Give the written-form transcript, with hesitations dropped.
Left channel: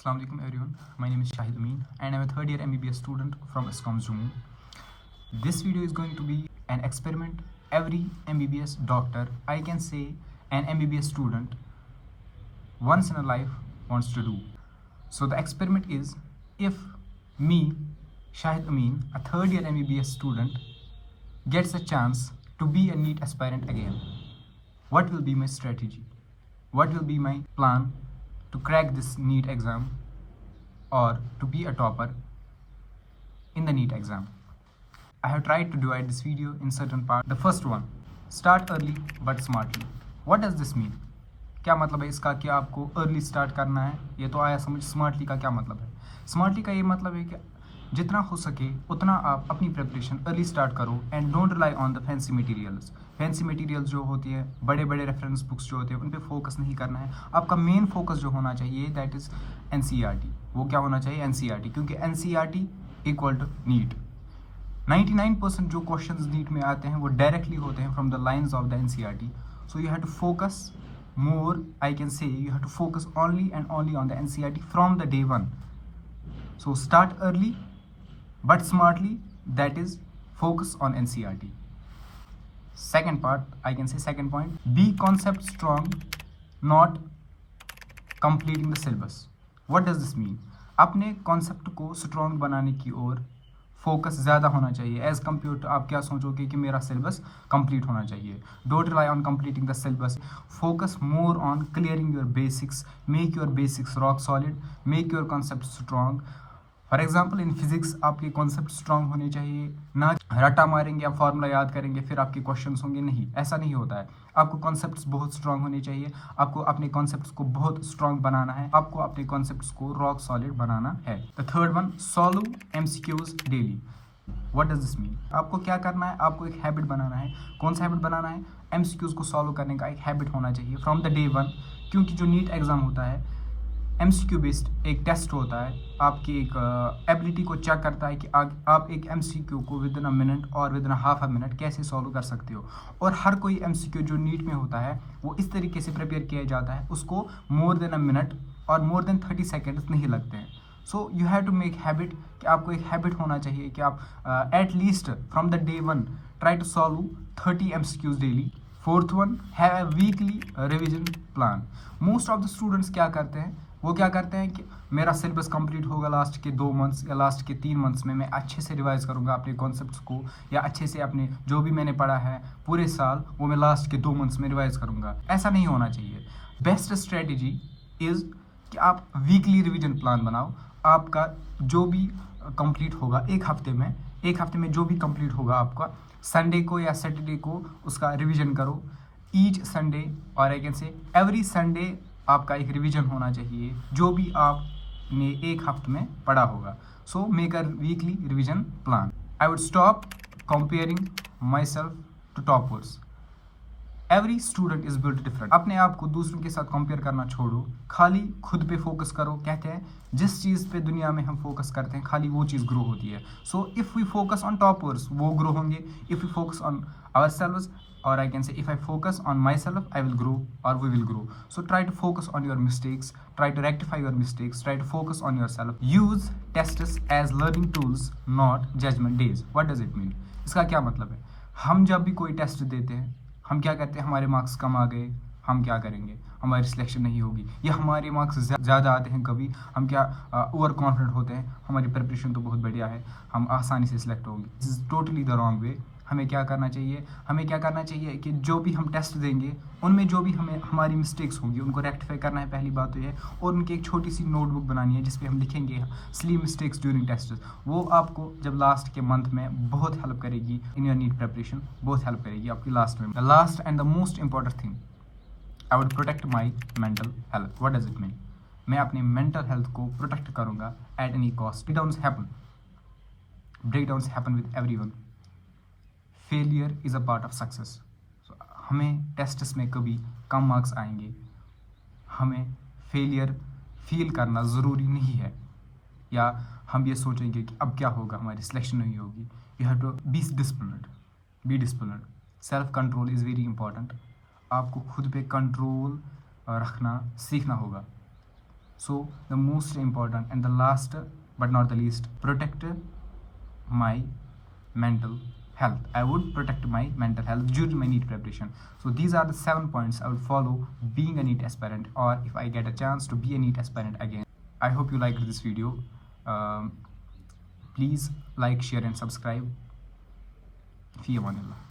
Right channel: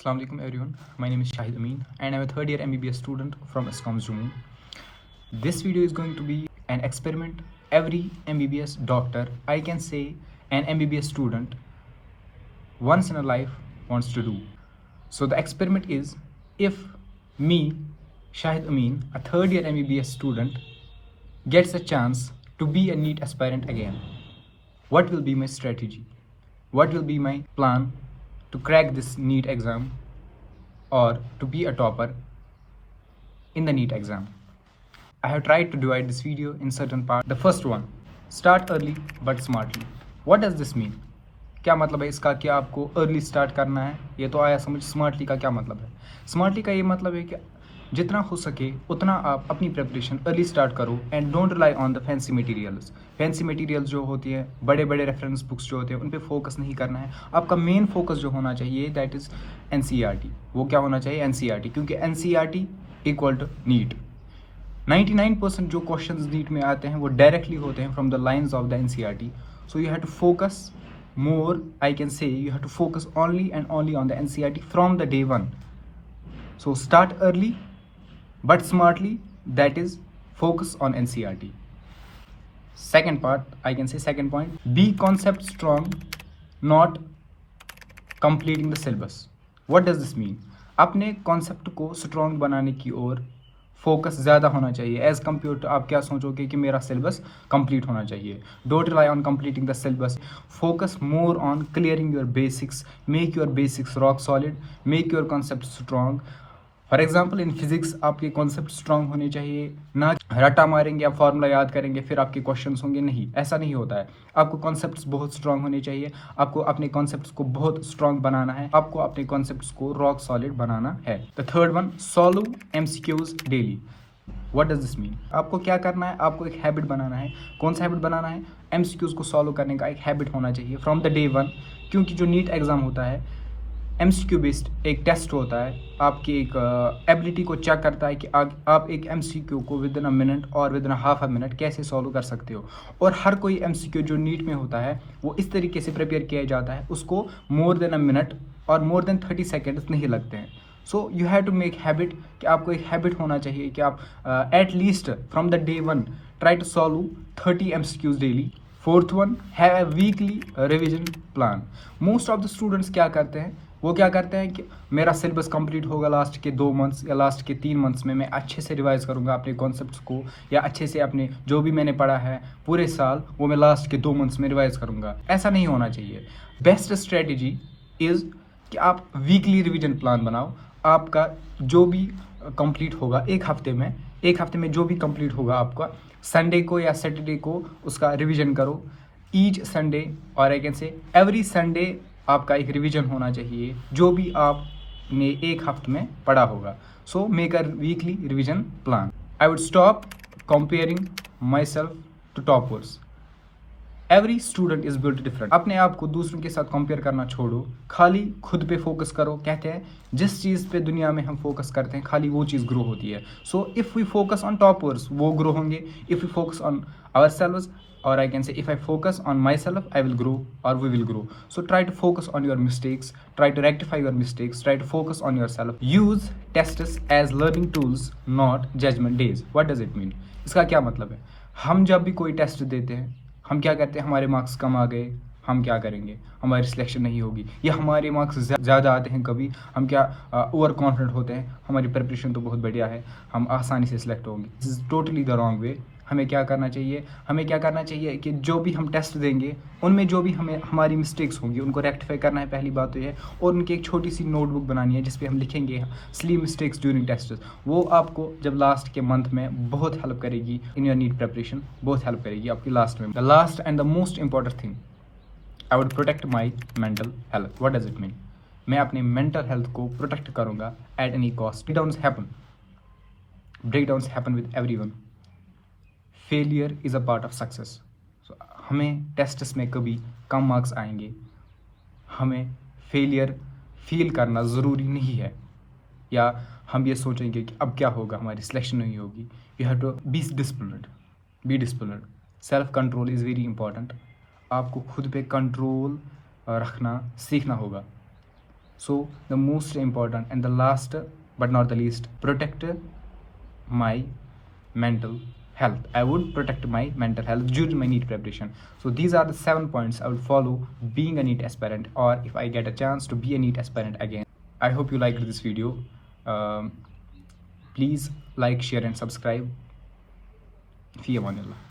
Assalamu alaikum everyone. My name is Shahid Amin and I'm a third year MBBS student from ISCOMS Jammu. This video is going to be an experiment every MBBS doctor, I can say an MBBS student, once in a life wants to do. So the experiment is, if me, Shahid Amin, a third year MBBS student, gets a chance to be a NEET aspirant again, what will be my strategy? What will be my plan to crack this NEET exam or to be a topper in the NEET exam? I have tried to divide this video in certain parts. The first one, start early but smartly. What does this mean? क्या मतलब है इसका कि आपको early start करना है? ये तो आया समझ। स्मार्टली का क्या मतलब है? स्मार्टली का ये मतलब है कि जितना हो सके उतना आप अपनी प्रिपरेशन अर्ली स्टार्ट करो and don't rely on the fancy materials. Fancy materials जो होती है, बड़े बड़े रेफरेंस बुक्स जो होते हैं, उन पे फोकस नहीं करना है। आपका मेन फोकस जो होना चाहिए दैट इज़ एनसीईआरटी। वो क्या होना चाहिए? एनसीईआरटी, क्योंकि एनसीईआरटी इक्वल टू नीट। 99% जो क्वेश्चंस नीट में आते हैं वो डायरेक्टली होते हैं from the lines of the NCERT. So you have to focus more, I can say you have to focus only and only on the NCERT from the day one. So start early but smartly, that is focus on NCERT. Second part, I can say second point, be concept strong, not completing the syllabus. What does this mean? अपने concept को strong बनाने की ओर focus ज़्यादा होना चाहिए as compare to आप क्या सोचोगे कि मेरा सिलेबस कंप्लीट होना चाहिए. Don't rely on completing the syllabus, focus more on clearing your basics, make your basics rock solid, make your concept strong. For example in physics आपके कॉन्सेप्ट स्ट्रॉन्ग होने चाहिए, ना रट्टा मारेंगे आप फार्मूला याद करेंगे फिर आपके क्वेश्चंस होंगे, नहीं, ऐसा नहीं होता है. आपको कॉन्सेप्ट्स बहुत स्ट्रॉन्ग होने चाहिए, आपको अपने कॉन्सेप्ट्स को बहुत स्ट्रॉन्ग बनाना है, आपको अपने कॉन्सेप्ट्स को रॉक सॉलिड बनाना है. The third one, solve MCQs daily. What does this mean? आपको क्या करना है? आपको एक हैबिट बनाना है. कौन सा हैबिट बनाना है? एमसीक्यूज को सॉल्व करने का एक हैबिट होना चाहिए फ्रॉम द डे वन. क्योंकि जो नीट एग्जाम होता है एमसीक्यू बेस्ड एक टेस्ट होता है, आपकी एक एबिलिटी को चेक करता है कि आप एक एमसीक्यू को विद इन अ मिनट और with in half a minute कैसे सॉल्व कर सकते हो. और हर कोई एमसीक्यू जो नीट में होता है वो इस तरीके से प्रिपेयर किया जाता है, उसको मोर देन अ मिनट और मोर देन 30 सेकेंड्स नहीं लगते हैं. So you have to make habit कि आपको एक हैबिट होना चाहिए कि आप at least from the day one try to solve 30 MCQs daily. Fourth one, have a weekly revision plan. Most of the students क्या करते हैं? वो क्या करते हैं कि मेरा सिलेबस कंप्लीट होगा लास्ट के 2 मंथ्स या लास्ट के 3 मंथ्स में, मैं अच्छे से रिवाइज करूंगा अपने कॉन्सेप्ट्स को, या अच्छे से अपने जो भी मैंने पढ़ा है पूरे साल वो मैं लास्ट के 2 मंथ्स में रिवाइज करूंगा. ऐसा नहीं होना चाहिए. बेस्ट स्ट्रेटजी इज़ कि आप वीकली रिविजन प्लान बनाओ. आपका जो भी कंप्लीट होगा एक हफ्ते में जो भी कंप्लीट होगा आपका, संडे को या सैटरडे को उसका रिविजन करो. ईच संडे और I can say every Sunday आपका एक रिवीजन होना चाहिए जो भी आपने एक हफ्ते में पढ़ा होगा. So make a weekly revision plan. I would stop comparing myself to toppers. Every student is built different. अपने आप को दूसरों के साथ कंपेयर करना छोड़ो, खाली खुद पे फोकस करो. कहते हैं जिस चीज़ पे दुनिया में हम फोकस करते हैं खाली वो चीज़ ग्रो होती है. So if we focus on toppers वो ग्रो होंगे. If we focus on ourselves, or I can say if I focus on myself I will grow or we will grow. So try to focus on your mistakes, try to rectify your mistakes, try to focus on yourself. Use tests as learning tools, not judgment days. What does it mean? इसका क्या मतलब है? हम जब भी कोई test देते हैं हम क्या करते हैं? हमारे मार्क्स कम आ गए, हम क्या करेंगे? हमारी सिलेक्शन नहीं होगी, या हमारे मार्क्स ज़्यादा आते हैं कभी, हम क्या ओवर कॉन्फिडेंट होते हैं, हमारी प्रिपरेशन तो बहुत बढ़िया है, हम आसानी से सिलेक्ट होंगे. This is totally the wrong way. हमें क्या करना चाहिए कि जो भी हम टेस्ट देंगे उनमें जो भी हमारी मिस्टेक्स होंगी उनको रेक्टिफाई करना है, पहली बात तो ये है. और उनकी एक छोटी सी नोटबुक बनानी है जिसपे हम लिखेंगे स्ली मिस्टेक्स ड्यूरिंग टेस्ट. वो आपको जब लास्ट के मंथ में बहुत हेल्प करेगी इन योर नीट प्रिपरेशन, बहुत हेल्प करेगी आपकी लास्ट में. The last and the most important thing, I would protect my mental health. What does it mean? मैं अपने मेंटल हेल्थ को प्रोटेक्ट करूँगा at any cost. Breakdowns happen with everyone. Failure is a part of success. हमें tests में कभी कम marks आएंगे, हमें failure feel करना ज़रूरी नहीं है, या हम ये सोचेंगे कि अब क्या होगा, हमारी सिलेक्शन नहीं होगी. You have to be disciplined. Self control is very important. आपको खुद पे कंट्रोल रखना सीखना होगा. So the most important and the last but not the least, protect my mental health. I would protect my mental health during my NEET preparation. So these are the 7 points I would follow being a NEET aspirant, or if I get a chance to be a NEET aspirant again. I hope you liked this video. Please like, share and subscribe. Fi amanillah.